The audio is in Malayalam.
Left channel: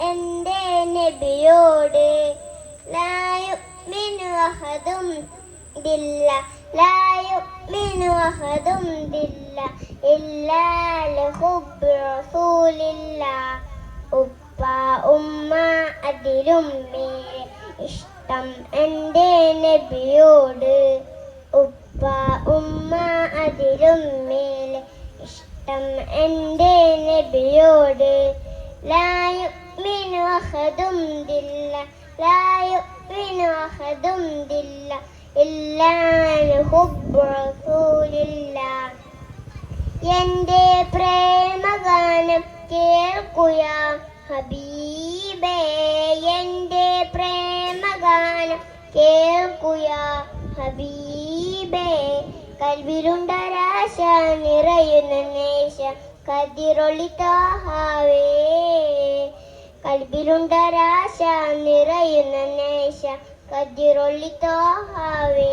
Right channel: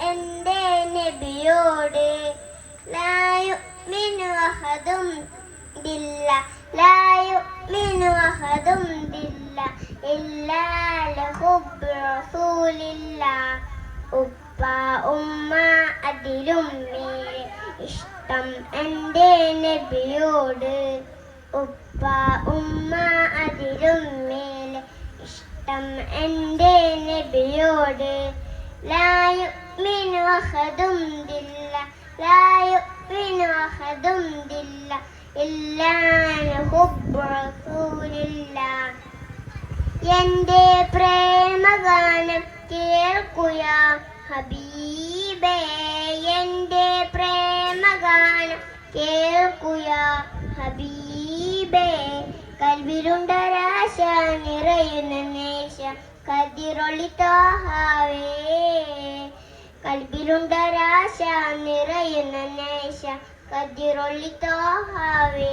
എന്റെ നബിയോട് ലാ യുഅ്മിനു അഹദും ബില്ലാ ലാ യുഅ്മിനു അഹദും ബില്ലാ ഇല്ലാ ലഹുബ്ബു റസൂലില്ലാ. ഉപ്പ ഉമ്മ അതിലും മേലെ ഇഷ്ടം എന്റെ നബിയോട്. ഉപ്പ ഉമ്മ അതിലും മേലെ ഇഷ്ടം എന്റെ നബിയോട്. ലാ യുഅ്മിനു അഹദും ബില്ലാ ലാ യുഅ്മിനു അഹദും ബില്ലാ ഇല്ലാ ലഹുബ്ബു റസൂലില്ലാ. എന്റെ പ്രേമഗാനം കേൾക്കുയാ ഹബീബേ, എന്റെ പ്രേമഗാനം കേൾക്കുയാ ഹബീബേ. കൽബിലുണ്ടൊരാശ നിറയുന്ന നേശം കതിരൊളി ത്വാഹാവേ. കൽബിലുണ്ടൊരാശ നിറയുന്ന നേശം കതിരൊളി ത്വാഹാവേ.